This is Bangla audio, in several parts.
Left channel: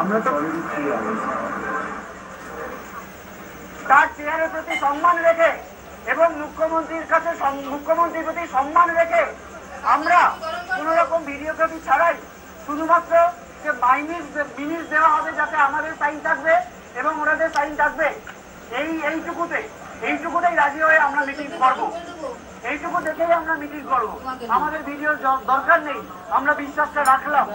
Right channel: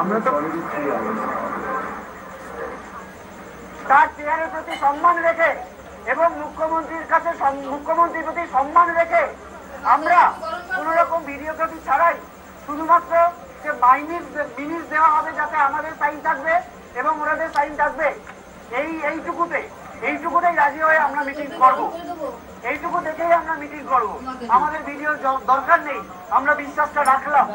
আমরা তো তার চেয়ারের প্রতি সম্মান রেখে এবং মুখ্যমন্ত্রীর কাছে মুখ্যমন্ত্রীর প্রতি সম্মান রেখে আমরা কোন রকম ভিডিওগ্রাফি ছাড়াই শুধুমাত্র যে মিনিট দেওয়া হবে যাতে আমাদের সাইন থাকবে এবং ওনাদের সাইন থাকবে এইটুকুতেই রাজি হয়ে আমরা মিটিং করব। এইটুকু দেখেই আমরা মিটিং করব। আমাদের ভিডিওর দরকার নেই। আমরা বিশ্বাসটা রাখলাম,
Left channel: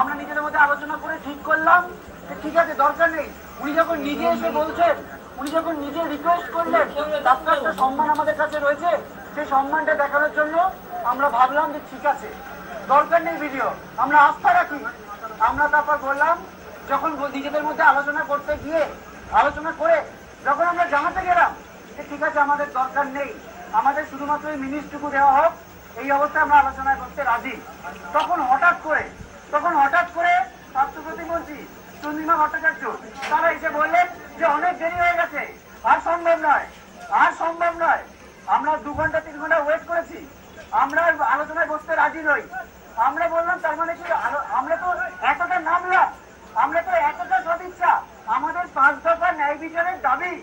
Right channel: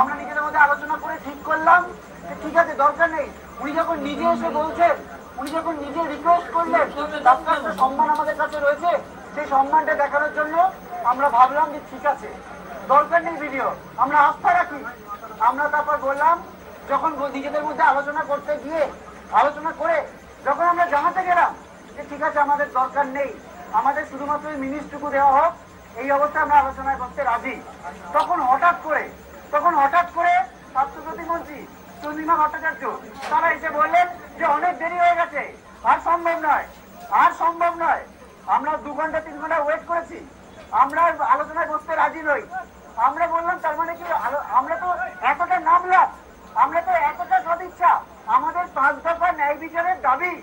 আমরা নিজেদের মধ্যে আলোচনা করে ঠিক করলাম যে ঠিক আছে দরকার নেই। উনি যখন নিজে এসে বলছেন, উনি যখন নিজে রিকোয়েস্ট করলেন, তার একটা সম্মান আমাদের কাছে রয়েছে, সেই সম্মানটা দেখানোর জন্য আমরা ভাবলাম যে ঠিক আছে দরকার নেই ভিডিও, আমরা আস্থা রাখি। আমরা তারপর বললাম, যখন নিজেদের মধ্যে আলোচনা করতে গিয়ে আলোচনা করে যখন আমরা জানাতে গেলাম যে ঠিক আছে আমাদের দরকার নেই, আমাদের শুধুমাত্র এই মিনিটটুকু দেওয়া হোক, এই অবস্থায় আমরা আলোচনায় করতে রাজি। তখন হঠাৎ করে স্বাস্থ্য প্রতিমন্ত্রী চন্দ্রিমা ভট্টাচার্য তারা এসে বললেন যে অনেক দেরি হয়ে গেছে, আর সম্ভব নয়। আমরা 2 ঘন্টা 3 ঘন্টা ওয়েট করেছি, আমরা আলোচনায় বসতে রাজি নই। আমরা বললাম তার মানে কি আমরা তো এতটা নামলাম, আমরা তো এতটা সদিচ্ছা, আমাদের 5 দফা ন্যায় বিচারের দাবি,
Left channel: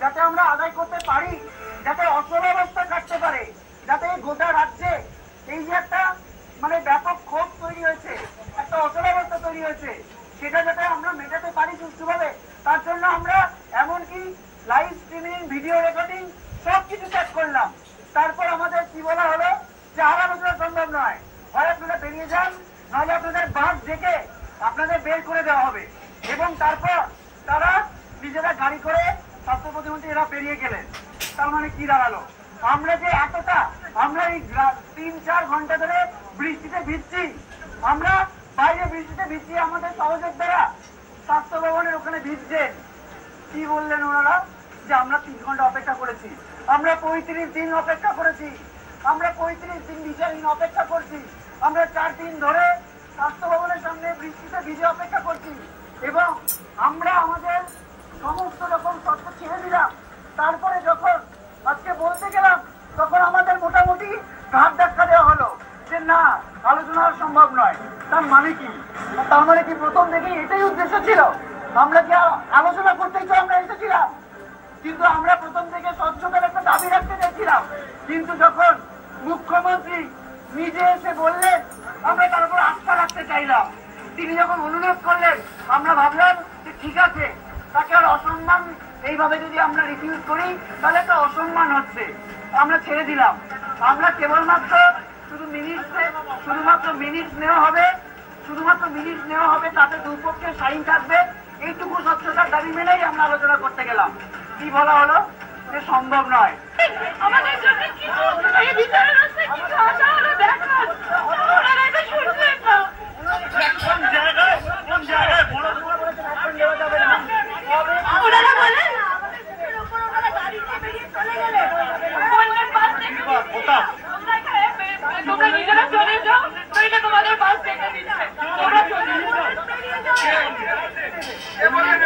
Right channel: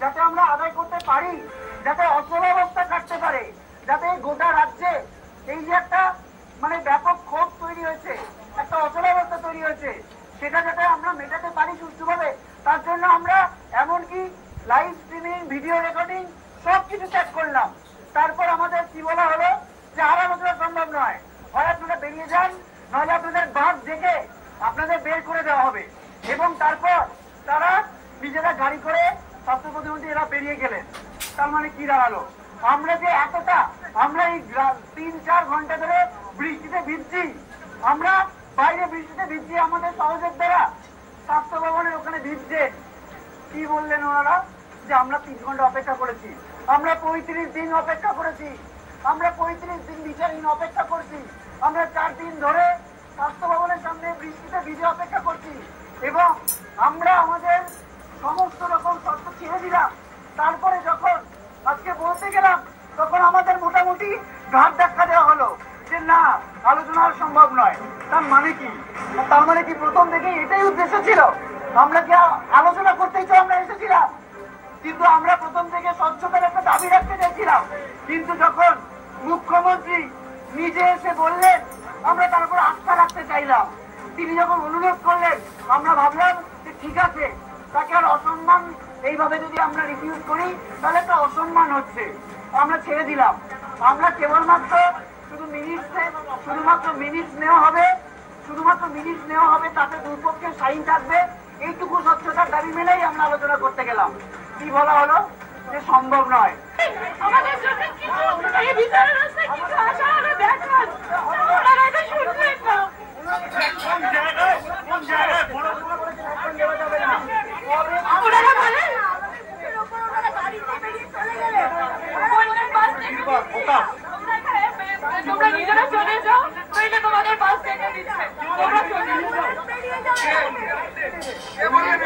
যাতে আমরা আদায় করতে পারি, যাতে অচলাবস্থা কাটতে পারে, যাতে গোটা রাজ্যে এই যে একটা মানে ব্যাপক ক্ষোভ তৈরি হয়েছে, একটা অচলাবস্থা তৈরি হয়েছে, সেটা যাতে আমরা মেটাতে পারি সুষ্ঠুভাবে, তার জন্য আমরা এমনকি লাইভ স্ট্রিমিং, ভিডিও রেকর্ডিং সবকিছু ত্যাগ করলাম। তারপর আমাদের কি বলা হলো যে আর আলোচনা সম্ভব নয়, হয় আপনারা বেরিয়ে যান, নাহলে আপনাদের বাস ডেকে আপনাদের বের করে দেওয়া হবে। এবং তারপর তারা নিজেরা গাড়ি করে স্বাস্থ্য প্রতিমন্ত্রী এরা বেরিয়ে গেলেন। তার মানে কি দাঁড়ালো, আমরা যে এতটা আমরা এই 3-4 ঘন্টা ধরে বৃষ্টিতে ভিজছি, আমরা বাইরে বৃষ্টিতে ভিজছি, আমাদের সহযোদ্ধারা স্বাস্থ্য ভবনের ওখানে ভিজছেন। কি বললেন ওনারা যে আমরা 3 ঘন্টা অপেক্ষা করেছি, আমরা 35 দিন অপেক্ষা করেছি, আমরা 35 দিন বিচারহীন অপেক্ষা করছি, আমরা 4 দিন ধরে স্বাস্থ্য ভবনের সামনে বৃষ্টিতে ভিজে অপেক্ষা করছি এবং আমরা আমাদের সমস্ত রকম শর্ত ছেড়ে দিলাম। তারপরে যখন আজকে বলতে গেলাম তখন আমাদের মোটামুটি ঘাট ধাক্কা দেওয়া হলো যে না, আলোচনা সম্ভব নয়। তার মানে কি প্রথম থেকেই এটাই উদ্দেশ্য ছিল, আমরা কি আলোচনা করতেই তো আমরা এসেছিলাম, কিন্তু আমরা প্রথম থেকে স্বচ্ছতার একটা দাবি রাখতে চাইছিলাম। কিন্তু যখন মুখ্যমন্ত্রী নিজে এসে বললেন, আমরা তার উপর আস্থা রাখতে চাইলাম। তিনি যখন অনুরোধ করলেন, আমরা ভাবলাম যে ঠিক আছে, তাকে আর অসম্মান এইভাবে যদি আমরা রিফিউজ করি তাহলে একটা অসম্মান হচ্ছে, আমরা ছেড়ে দিলাম। আমরা কেবলমাত্র শুধুমাত্র মিনিট নেওয়া হবে, তাতে দুপক্ষের সাইন থাকবে, এইটুকু স্বচ্ছতার দাবি মেনেই আমরা আলোচনা করতে গেলাম। কি বলা হলো যে সম্ভব নয়। আমাদের জন্য কিছু এই বিচারের রাস্তায় কিছু আশা হলে দেখান, ওনারা এটা শুনবেন না। কোন জায়গায় ওনারা বলেন আমাদের উপর ওনারা গাড়ি নিয়ে বেরিয়ে চলে গেলে বললেন বাস থেকে তোমরা নিজেরা চলে যাও, নইলে তোমাদের বাস থেকে দিচ্ছে, তোমরা চলে বেরিয়ে যাও। বললেন